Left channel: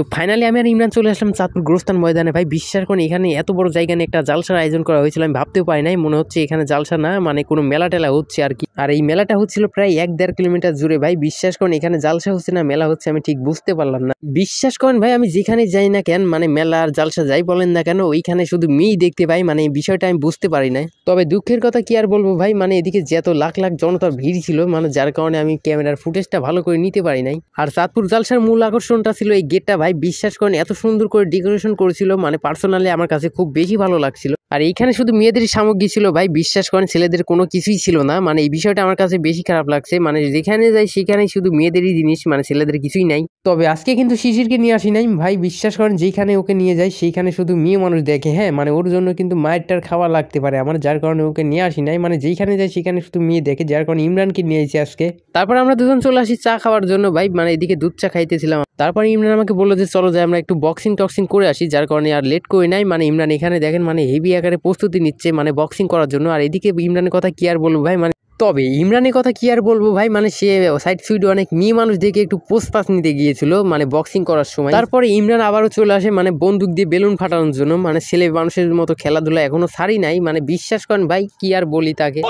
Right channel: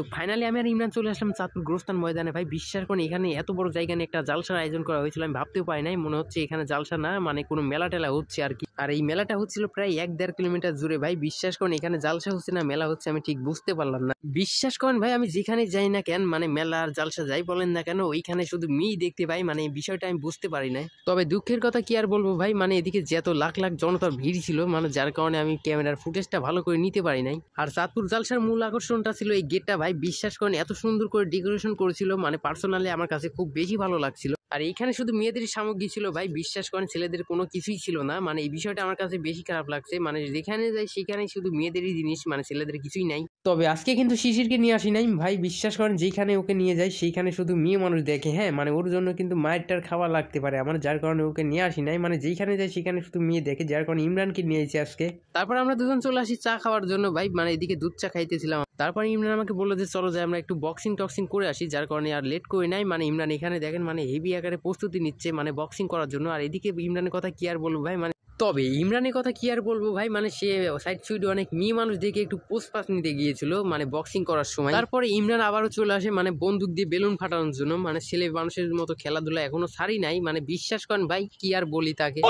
তো ফাইনালি আমি আর ইমরান চলে আসলাম চাঁদপুর গোরস্থান ময়দানে। ভাই বিশ্বাস করেন এখানে এত বড় জায়গা নিয়ে একটা জালসার আয়োজন করা হয়েছিল, আমি ভাবতেও পারি নাই। মনে হচ্ছে এখানে জালসা না, মানে কোনো মেলা টেলা হচ্ছে আর কি। আর এই মেলাটা হচ্ছিল প্রায় 1-1.5 কিলোমিটার জুড়ে। ভাই বিশ্বাস করেন এখানে জালসা হচ্ছে না মেলা হচ্ছে আমি ঠিক বুঝতে পারলাম না। বিশ্বাস করেন ভাই আমি যেখানে যাই না কেন, মানে মেলা আর জালসা যাই বলেন না কেন, ওইখানে শুধু মেয়েই দেখতে পাই। মানে এই বিষয়টা আমি বুঝতে পারি না। তবে দুঃখের কথা কি আর বলবো ভাই, মানে এদিকে যত লাখ লাখ জনতার ভিড় ছিল, মানে যার কারণে আমি ক্যামেরার ফুটেজটা ভালো করে নিতে পারি নাই। আর চাঁদপুর জালসার মূল আকর্ষণটা ছিল এই গেটটা। ভাই বিশ্বাস করেন এত সুন্দর করে ডেকোরেশন করেছিল, মানে পার্সোনালি আমার কাছে খুব বেশি ভালো লাগছিল। আর এইখানে শুধু মেয়েদের সামগ্রী ছিল ভাই, বিশ্বাস করেন ছেলেদের কোনো কিছুই ছিল না। মানে এই বিষয়টা আমার কাছে বেশি খারাপ লাগছে। মানে যেখানে যাই সেখানে শুধু মেয়েদেরই জিনিস, মানে ছেলেদের কিছুই নাই। তবে আজকে কিন্তু শিশিরকে নিয়ে আসি নাই ভাই, বিশ্বাস করেন যেখানে ওকে নিয়ে যাই সেইখানে শুধু মেয়ে মানুষ দেখে। হ্যাঁ মানে ওর জন্য কিন্তু মায়েরটার খাওয়া লাগতে পারে আমার, যার কারণে ওকে নিয়ে আসি নাই। মানে যেখানে যাই সেখানে শুধু মেয়ে দেখে, যার কারণে ইমরানকে নিয়ে এসেছি আজকে। তারপর আমরা দুজন চলে আসি চা খাওয়ার জন্য ভাই, মানে এদিকে দুধ চা খাইতেছিলাম। তারপর ইমরান আমাকে বললো যে চলো যাই আমরা একটু বক্সিং টক্সিং করে আসি, যার কারণে আর লেট করে নাই। মানে ইমরান এখানে দেখেন মানে হেভি আকারে প্রস্তুতি নিচ্ছে মানে বক্সিং করার জন্য। আর এদিকে ইমরানের কথা কি আর বলবো ভাই, মানে তবে ইমরানের কথা কি আর বলবো ভাই, মানে সে সাইড সুইড অনেক মেয়ে মানুষ দেখে একটু পোস্ট পাস নিতে গিয়েছিল মানে বক্সিং করার সময়। তারপরে ইমরান আবারও চলে আসে মানে বন্দুক দিয়ে বেলুন ফাটানোর জন্য। মানে ছেলে মানুষের মতো খেলাধুলা এখনো ছাড়ি নাই, মানে বিশ্বাস করেন ভাই কি আর বলি তাকে।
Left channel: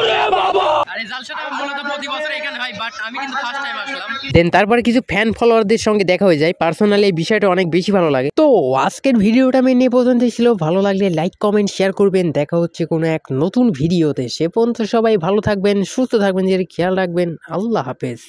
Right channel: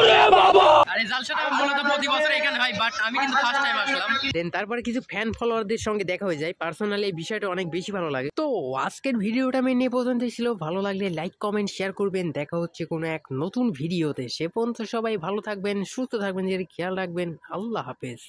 দেন তারপরে কিছু ফ্যান ফলোয়ারদের সঙ্গে দেখা হয়ে যায়, পার্সোনালি এই বিষয়টা অনেক বেশি ভালো লাগে। তো আজকের ভিডিওটা আমি নিয়ে পর্যন্তই ছিল। ভালো লাগলে লাইক কমেন্ট শেয়ার করবেন। দেখা হচ্ছে কোনো এক নতুন ভিডিওতে। সে পর্যন্ত সবাই ভালো থাকবেন, সুস্থ থাকবেন, যে খেয়াল রাখবেন। আল্লাহ হাফেজ।